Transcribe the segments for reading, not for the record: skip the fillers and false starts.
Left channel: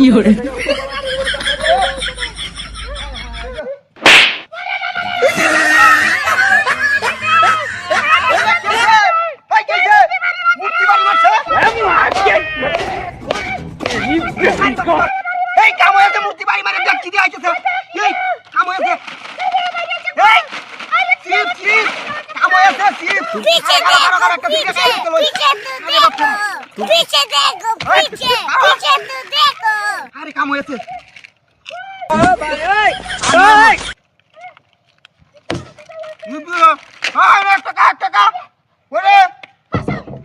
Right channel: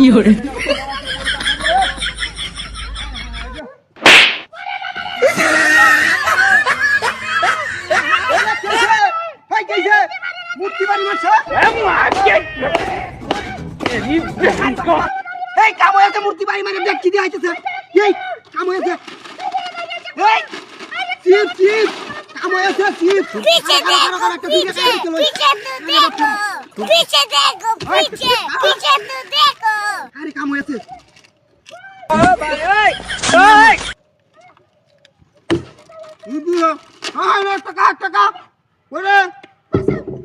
fiore, এই কাম হয়েছে মূর্তি বাড়ি মানে দেখছি দিয়ে আইতেছে এই কাম হয়েছে এই চিপ চিপ কাম হয়েছে চিপ पीछे देखो पीछे पीछे तो देखो पीछे देखो पीछे पीछे तो देखो আরে কাম হয়েছে এক টাকা ওরে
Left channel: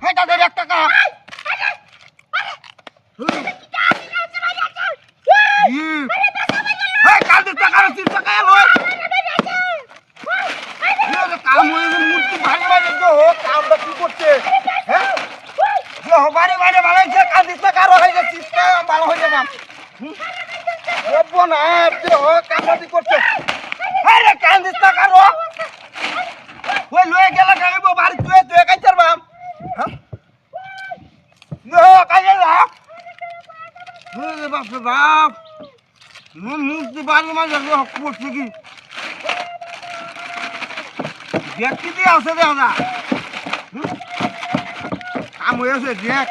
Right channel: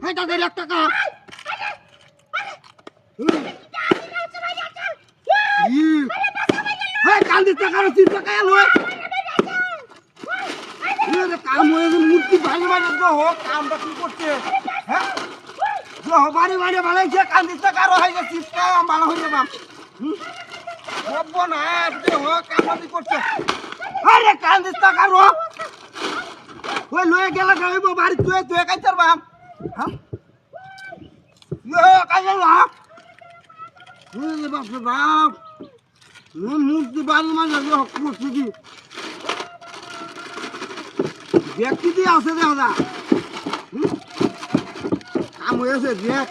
হাইটা দে 1 টাকা কান্দিস টাকা 3 টাকা এলো কাম হয়েছে মূর্তি ভাঙে ভাঙে হোক কামটা কি করছে হ্যাঁ বাড়ি বাড়ি বানাইছে কান্দিস টাকা আরো হয়ে গেছে ভালো হয়ে যাবে না হোক কামটি করছে আরে কান্দিস টাকা রো ওই লয়ে গেল গাইব বাড়ি তুই তুই কাইতার বাপ হ্যাঁ কাইয়া বাপ বাপ মূর্তি বাড়ি মাঝে করছে কি দেখি দিয়ে আছে দেখা কাম হয়েছে দেখ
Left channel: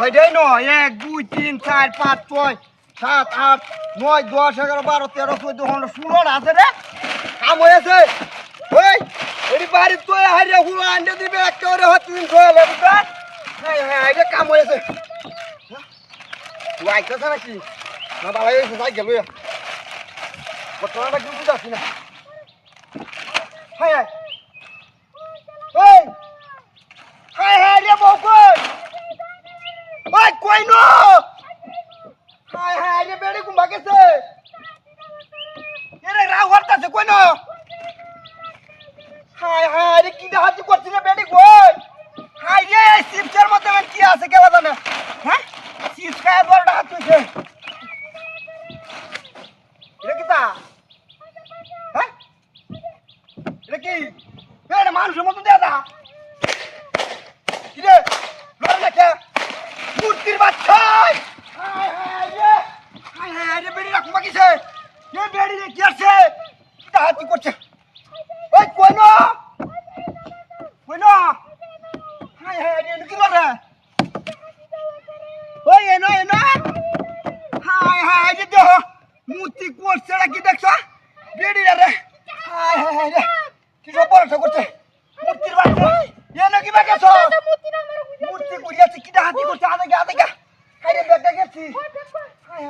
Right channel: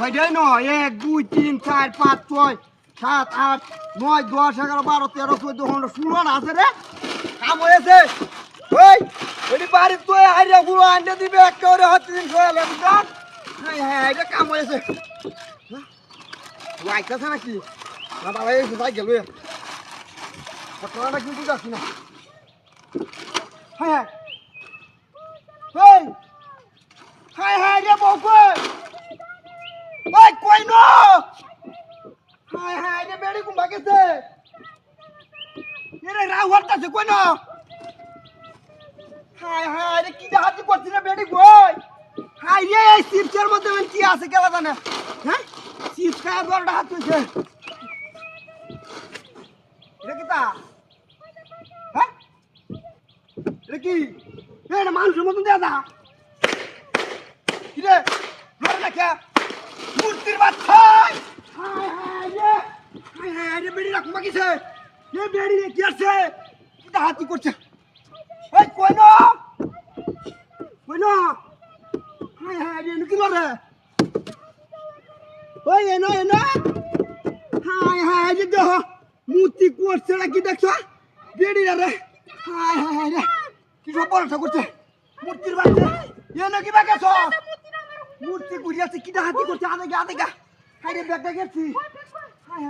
ওইটাই নয় 1 2 3 4 5 6 7 8 9 10 11 12 13 14 15 16 আছে রে কাম হয়েছে ওই এটি বাড়ি তুই হারিয়ে গুলো আনতে দিবি একটা করে হচ্ছে দিন গোয়ালে বুঝলেন হ্যাঁ এটা কাম হয়েছে লাইটটা নাকি না বাবা এসে সাই গেল কতটা কিন্তু যাচ্ছি না হ্যাঁ হ্যাঁ হ্যাঁ রে বকই ওই কই নো হ্যাঁ হ্যাঁ রে বেড়ি কুম্বা গেছে এরে রাও হরতাছে কই নো হ্যাঁ হ্যাঁ রে কি হাতি করছিস রে বেড়ি কই হাই রে চিপসের মধ্যে মানে কি আছে কেলা জানে হ্যাঁ চিপস খায় দরটা হাত তুইছে রে কিতা হ্যাঁ রে কি এটা মানুষের মতন দেয়া দা কি রে লড় দেখা মূর্তির বাচ্চা হাই রে বেড়ি রাখবা কিছে এ বেড়ি রে কি আছে কি হাতি করছে ওই কই না হাই রে কি লড় ওই এনো হাই রে দেহ মূর্তি করছে কি দেখছ বেড়ি রে হাই রে কি সব বড় করছে মূর্তির বাচ্চা এনো কি বাকেছ মূর্তি করিয়াছে কি হাতি করছে আদে গা হাই রে ব্যাগটা গেছি হাই